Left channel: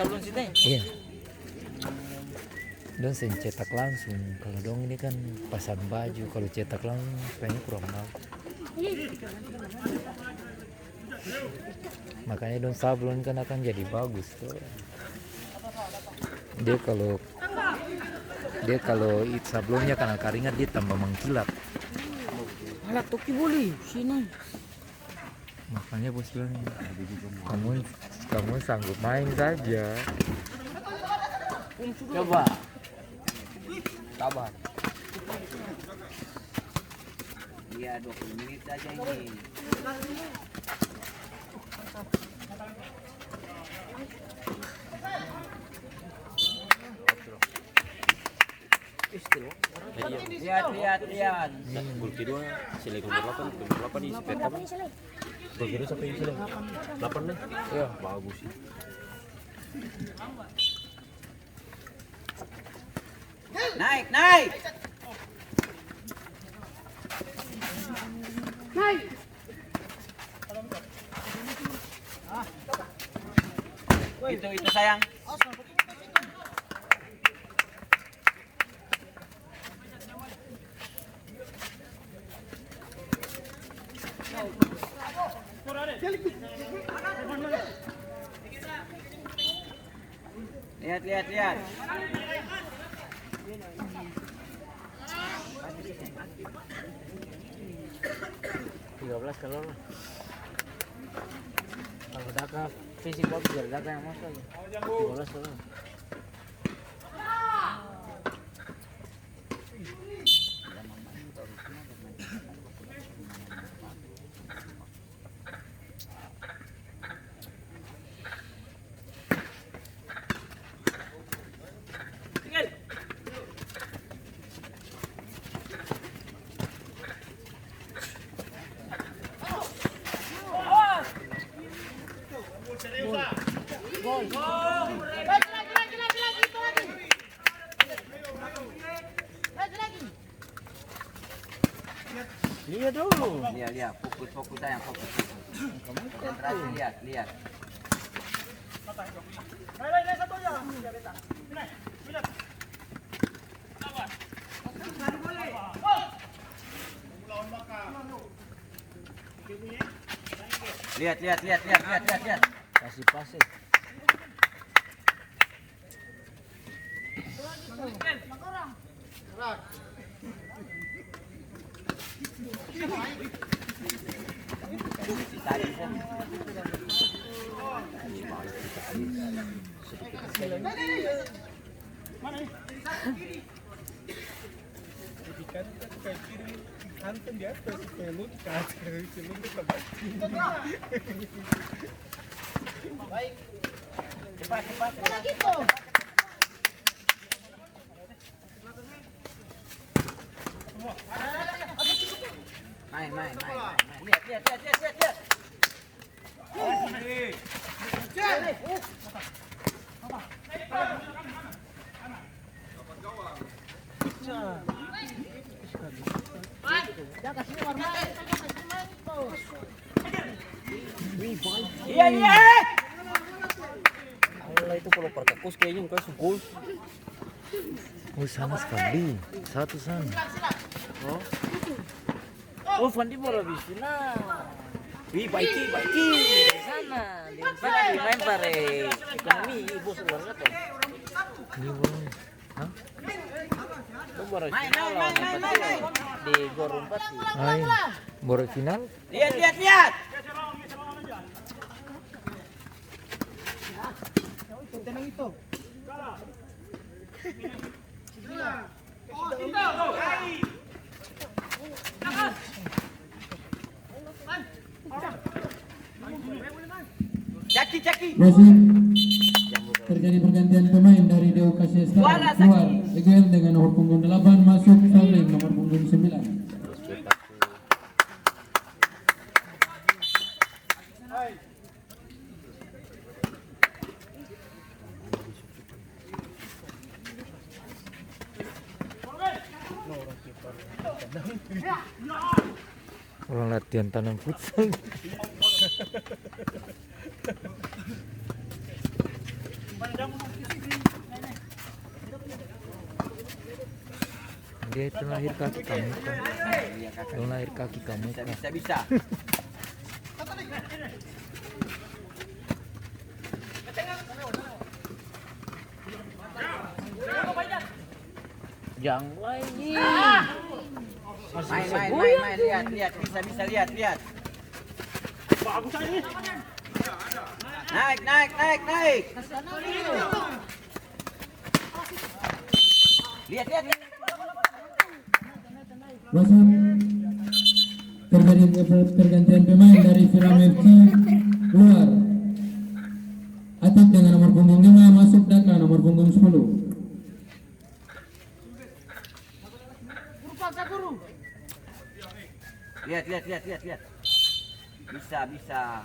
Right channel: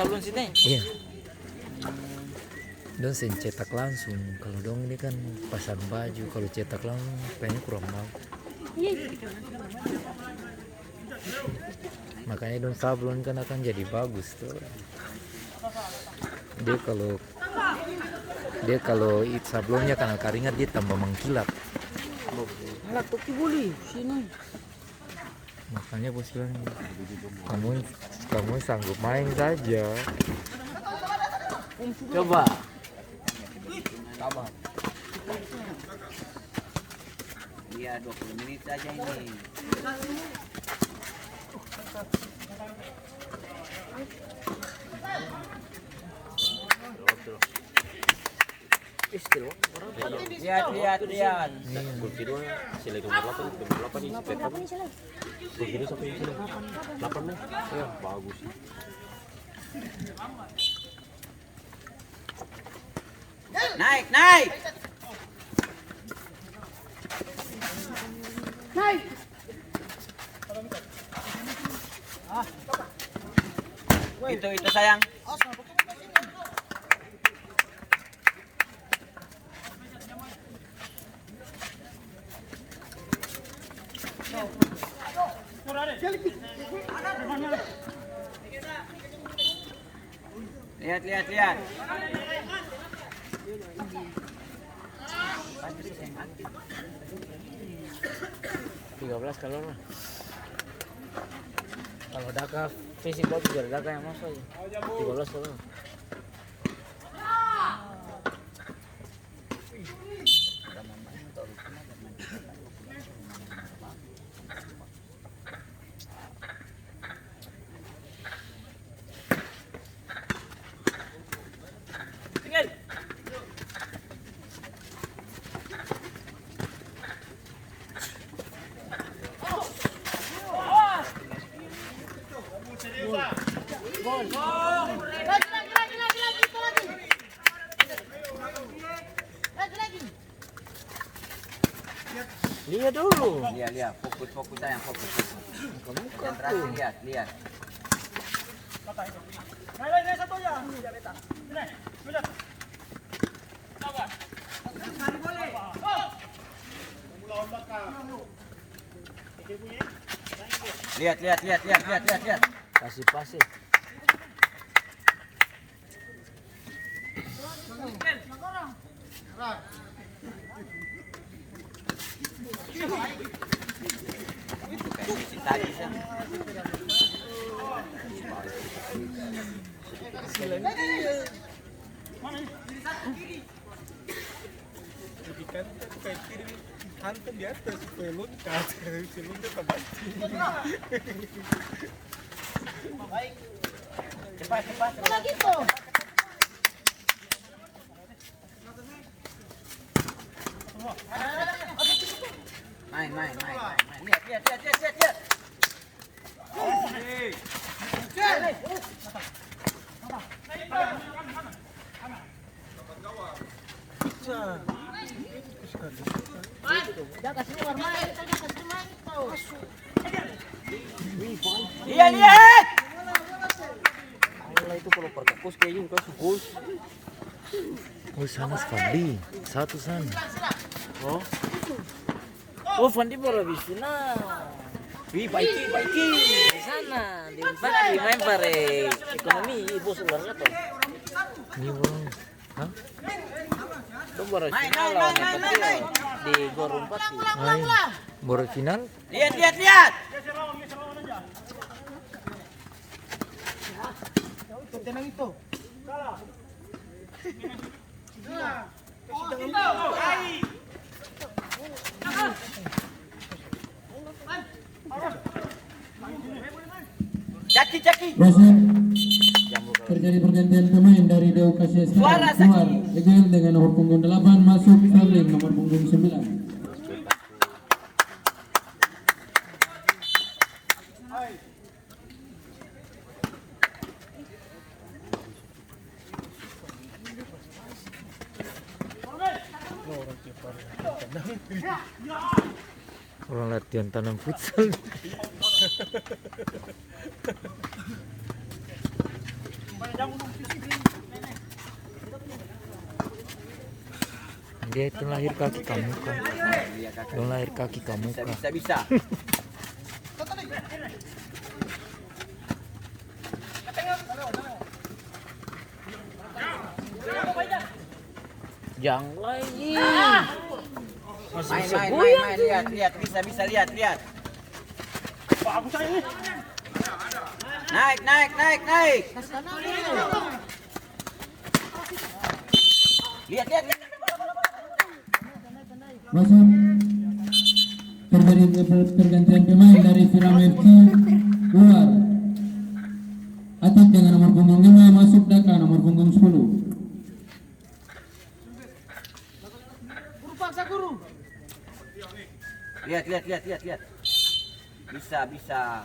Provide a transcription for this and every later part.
sablon sini? Iya. Don sen cetak langsung. Kalau dong ini kan pasar baju. Kalau cetak langsung kayaknya kurang bagus. Makanya don sablon kan akan jadi bagus tuh. Dia kalau sablonnya karena keringat dia tambah mengkilat. Nggak toki boleh sini. Makanya bos bilang kamu sanggup main saja. Coba. Sabar. Iya 20 menit saja ini. Lihat. Gol kedua sila nomor 8 di Vietnam. Gol kedua siapa yang sila? 8 nih. Ya, bagus sih. Naik. Itu sayang. Lihat. 13 kalau daka fisik bagus jadi daka yang masuk 13 kalau. Lihat dulu. Lihat. Fokus sayang, fokus. Konsentrasi, lihat. Lihat. Kasih pasir. Hantam di atas pelut kasih sini kita bagi. Baik. Cepat. Main. Lihat. Iya. Allah itu kalau pertekus kayak gini kan gol. Oh sana Fandi, satu sana. Oh, Fandi baru di sini. Baiki. Di sana, di main pare ekonomi ibu saudara tuh. Ini bang, hah? Itu baru final lawan Patrio di Gor 4 sih. Ayo, baru final? Lihat. Tenang itu. Caki. Terjadi pergantian pemain dari Dewa Kasih keluar Egel dengan nomor punggung 8 masuk Sablin nomor punggung 9. Orang latihan tanam futsal. Dia itu lahir kaki kamu kan. Dong lahir kaki kamu kan. Bisa. Jangan lagi. Main, lihat, bisa lihat. Naik. Lihat. Masuk. Terjadi pergantian pemain dari Film FC keluar. Atik dengan nomor punggung 5 masuk Daka nomor punggung 10. Lihat. Bisa.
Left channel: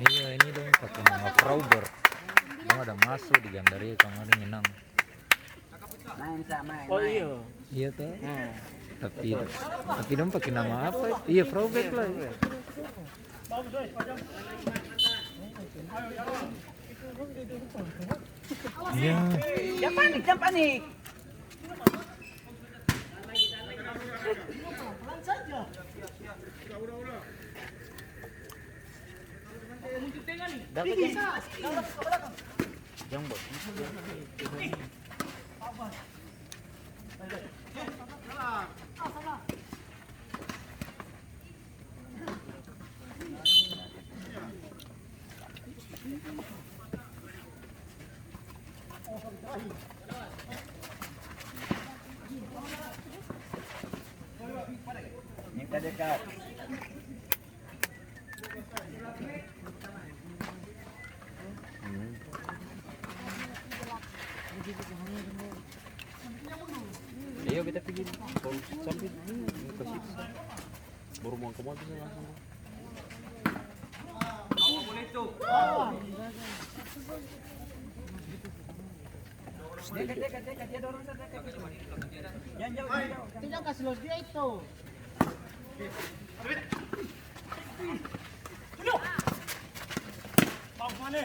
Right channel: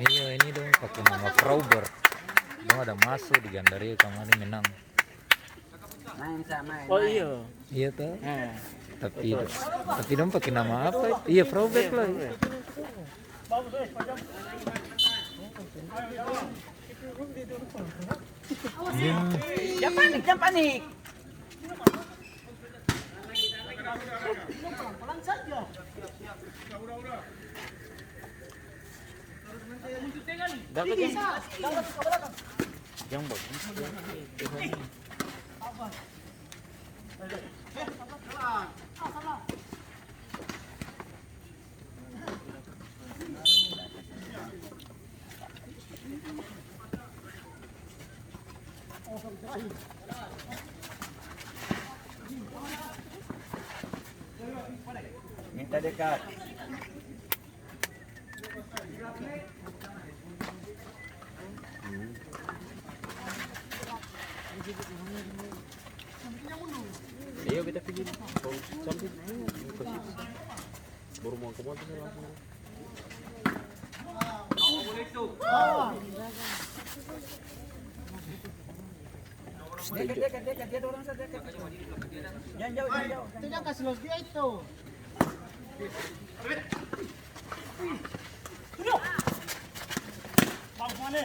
Iya ini dong pakai nama Frauber. Dong ada masuk di Gandaria kemarin menang. Main. Oh iya. Iya tuh. Tapi dong pakai nama apa? Iya Frauber lah. Iya. Jangan panik. Dapat yang bos. Minta dekat. Iya kita pergi. Sampai baru mau ke mobil langsung. Dekat, dia dorong saja dekat. Jangan jauh. Tidak kasih los dia itu. Bang mana?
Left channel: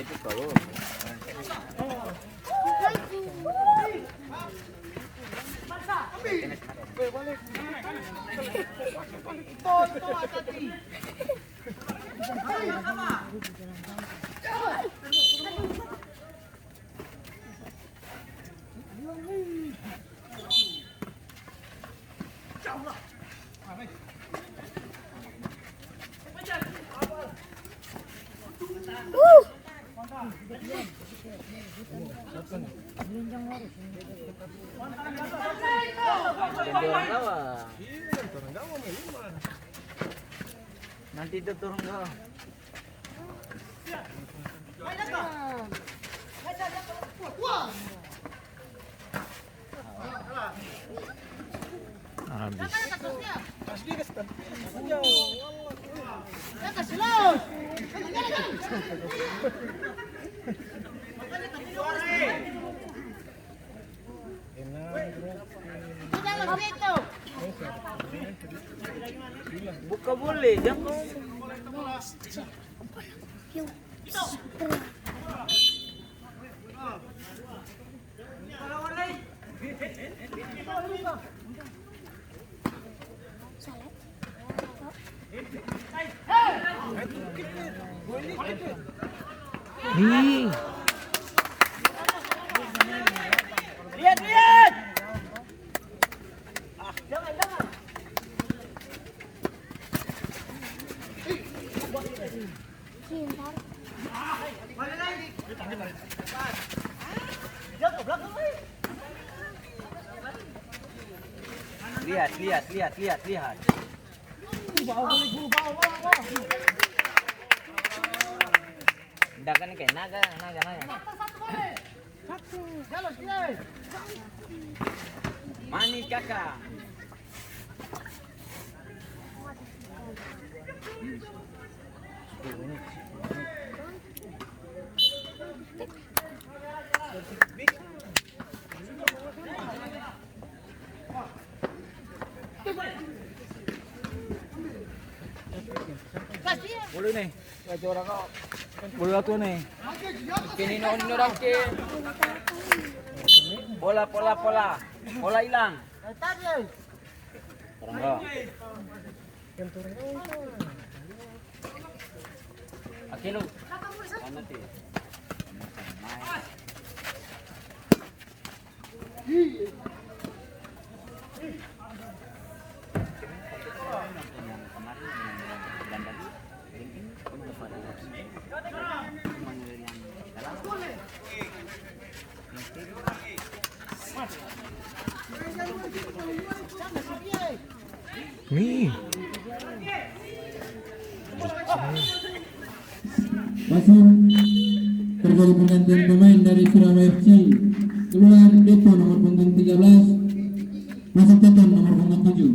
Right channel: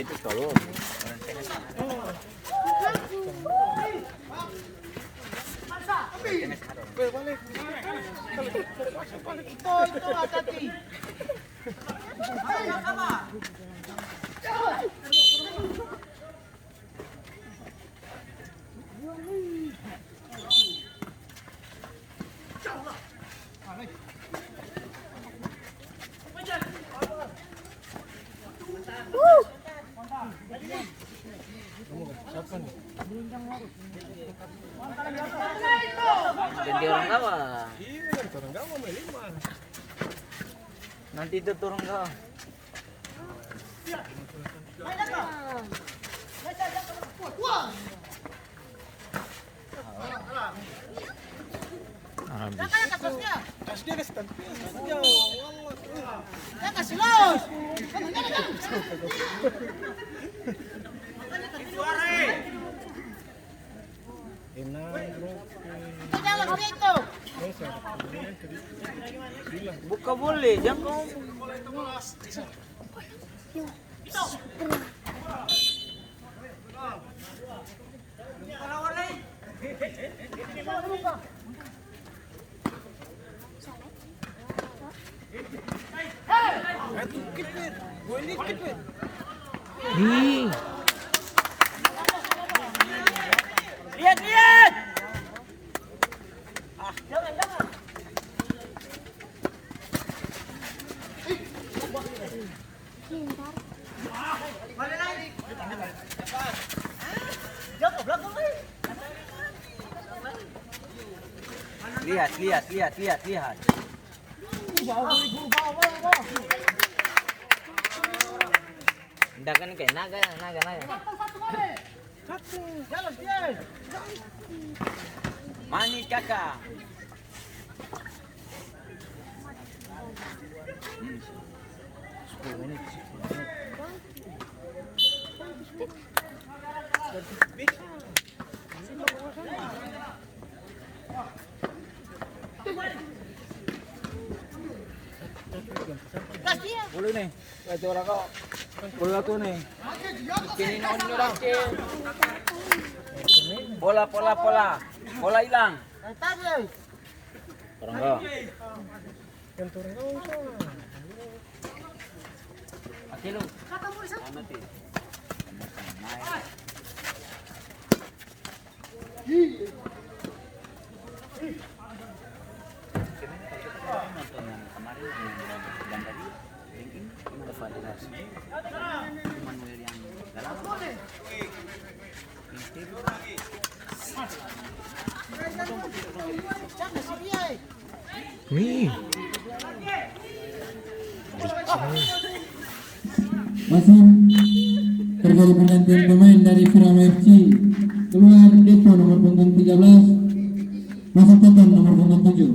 Itu kalau Itu hati-hati. Jadi orang gawang. Nanti itu turun gawang. Kasih los. Tidak los itu. Buka boleh, jangan. Lihat. Jangan. Lihat. Tidak kan kayak naga. Jalan dia. mereka. Boleh nih, baca orang kau. Boleh aku nih. Kini ini orang ke. Bola hilang. Orang kau. Akilo. Nih. Masih terjadi pergantian pemain dari Firama FC. Keluar Depo nomor punggung 13, masuk Teton nomor punggung 7.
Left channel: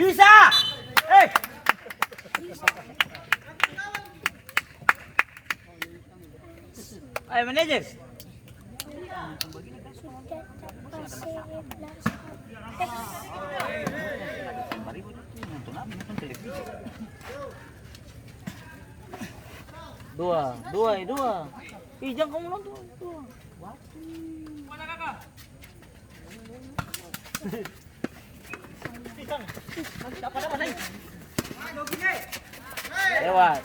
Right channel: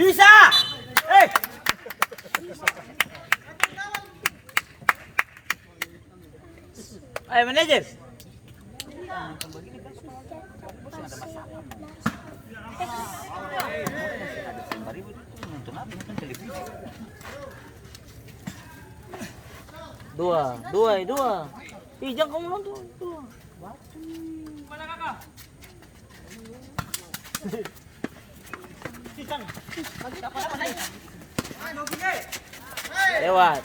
Bisa. Ayo manajer. Dua. Ih, jangan kamu nonton. Dua. Lewat.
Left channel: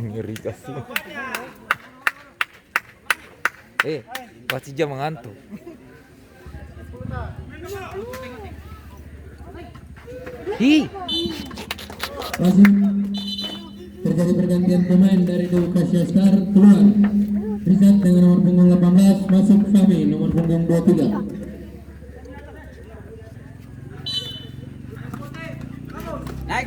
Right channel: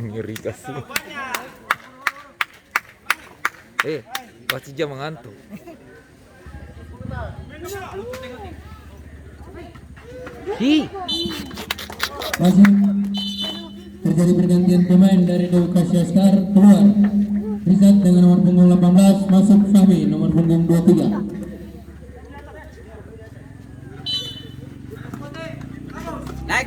Ngeri kasih. Wasit jam mengantuk. Masih terjadi pergantian pemain dari Dewa Kasyaskar. Keluar Rizat dengan nomor punggung 18, masuk Fahmi nomor punggung 23. Naik.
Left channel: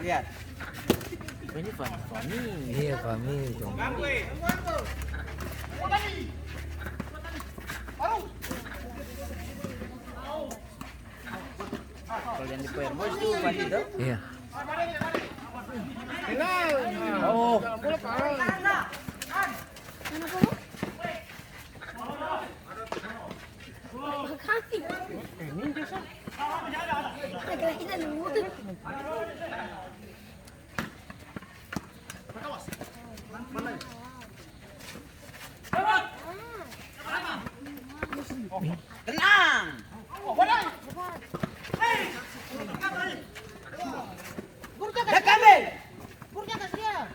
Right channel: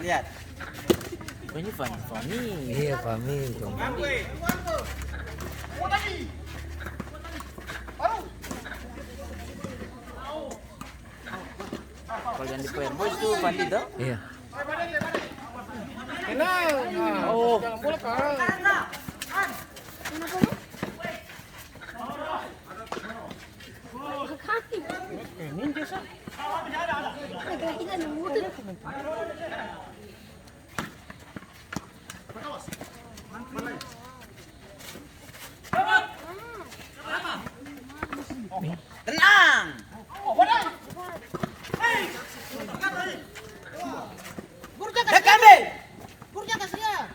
Lihat. Ini Fahmi. Iya, Fahmi. Kalau yang di Power Boys tuh Fahmi tuh. Iya. Oh. Tenang. Burja kasih dia.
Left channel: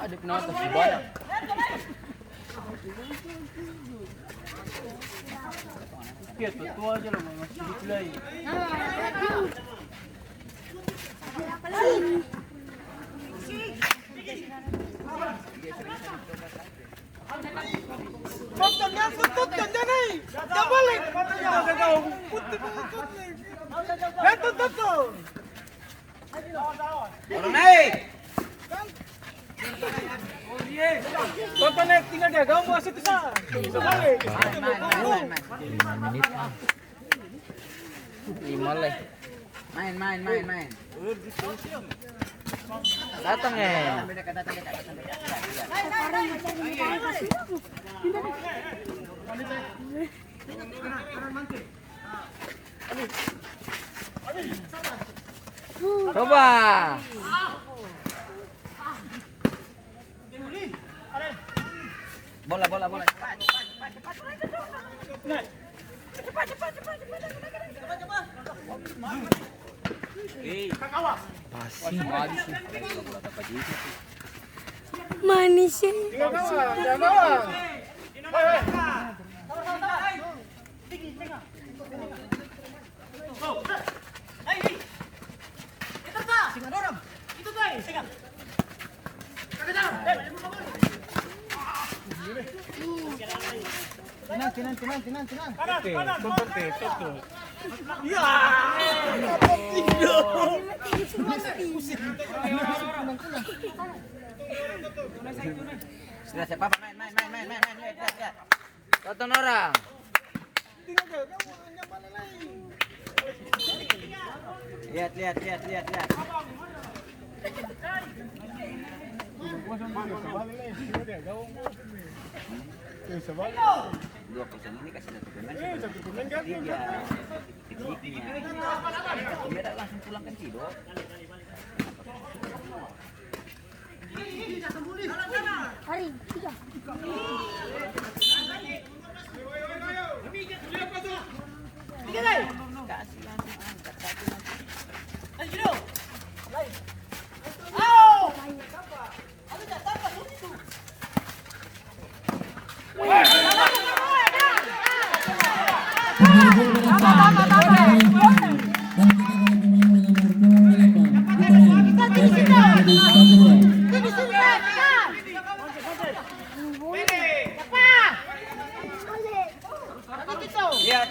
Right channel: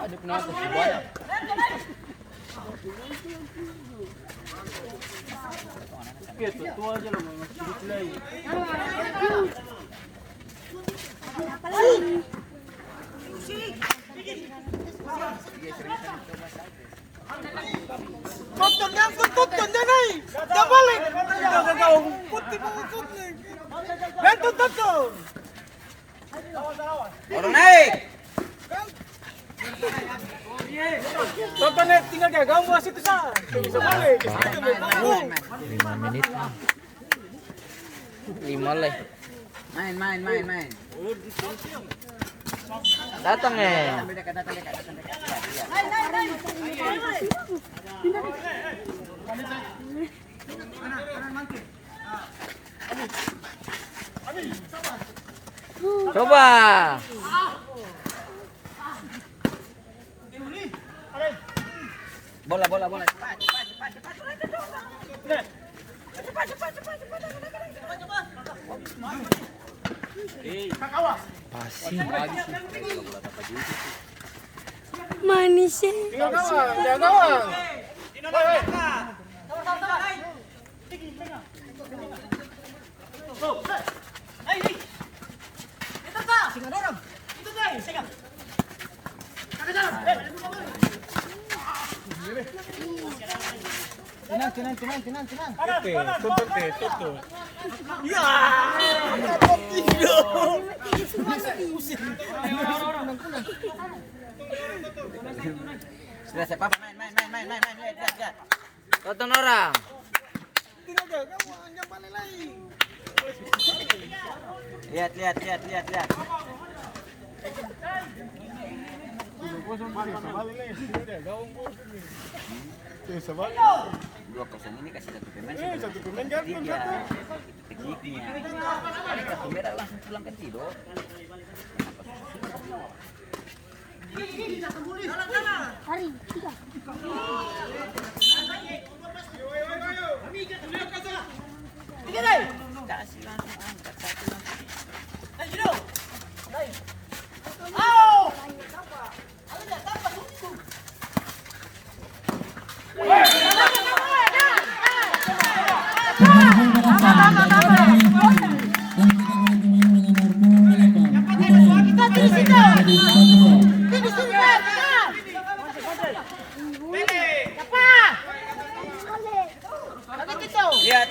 Ada penonton di bawah. basket, tua aja lah masih play. Tonton jangan. Dah balik. Putih banget. Tonton. Orang naik. Tonton naik tinggal dia gaung wasit itu sana. Bisa balik. 5 menit nih. 5 lah. Main. Datang Coba. Bola. Manisnya. Jangan gawang. Tenang. Tutup. Ya. Sudah siapa? Main. Tonton orang. Lihat. Dua persen ini kasih satu pemain. Tiga. Tekniknya. Dia langsung pulang kan tidur. Hari 3.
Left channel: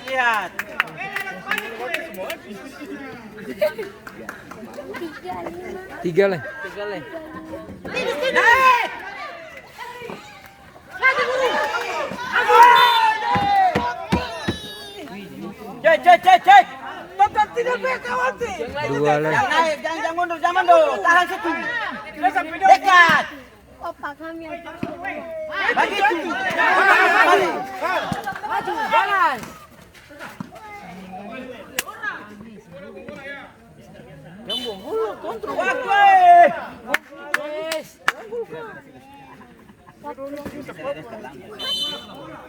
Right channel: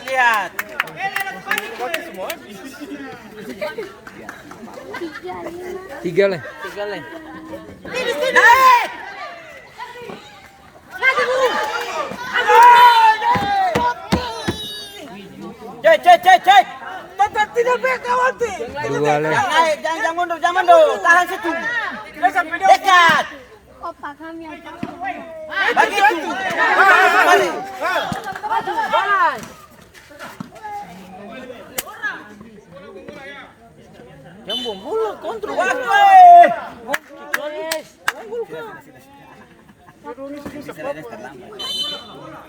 Lihat. 3 lah. Cek. Tonton tidak baik kawan ti. 2 lah. Jangan mundur. Tahan situ. Dekat. Opa kami ada. Bagi tu. Jalan. Jambung bulu kontrol.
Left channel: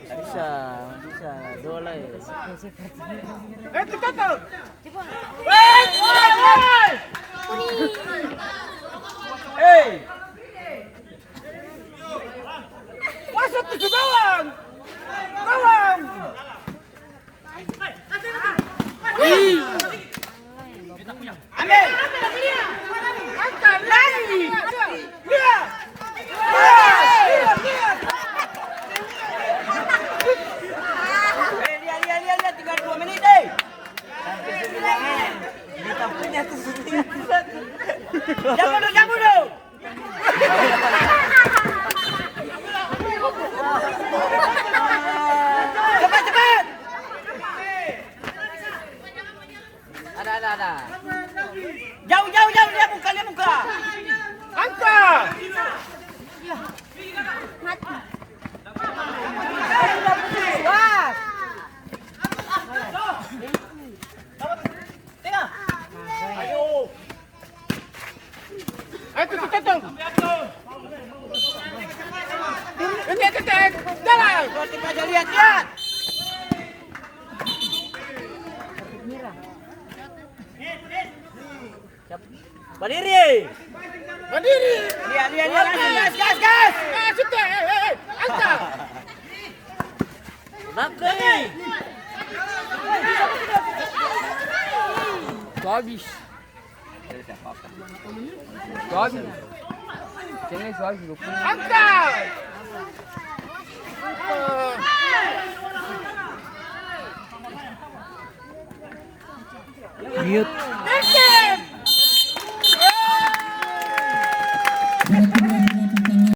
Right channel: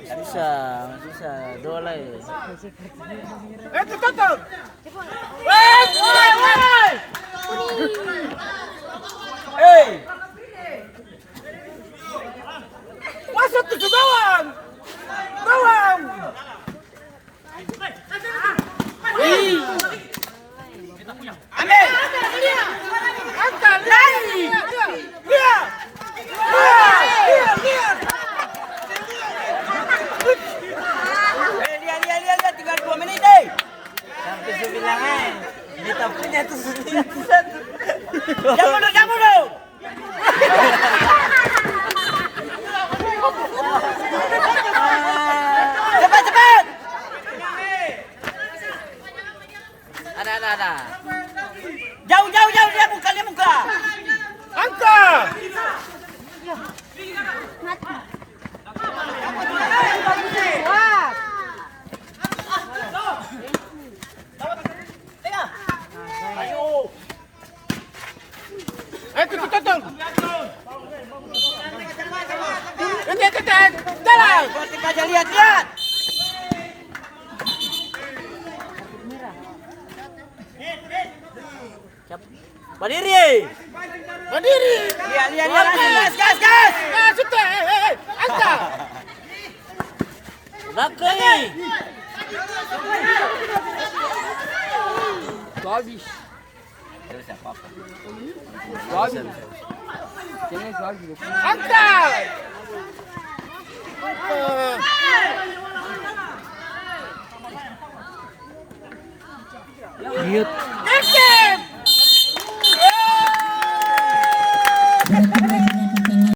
Bisa. 2 lah. Tutup. Masuk ke gawang. Ambil. Angkat lagi. Lihat. Lihat 32 menit deh. Sampai sebilangan. Kita punya tuh dunia satu. Jangan dulu. Cepat. Ada. Jauh dia muka. Angkat. Mati. Tengah. Ayo. Tutup. Ini tetek. Jalan. Gosip aja lihat. Berdiri. Lihat. Gas. Sudah. Angkat. Bakri. Habis. Angkat. Mute. Berakhir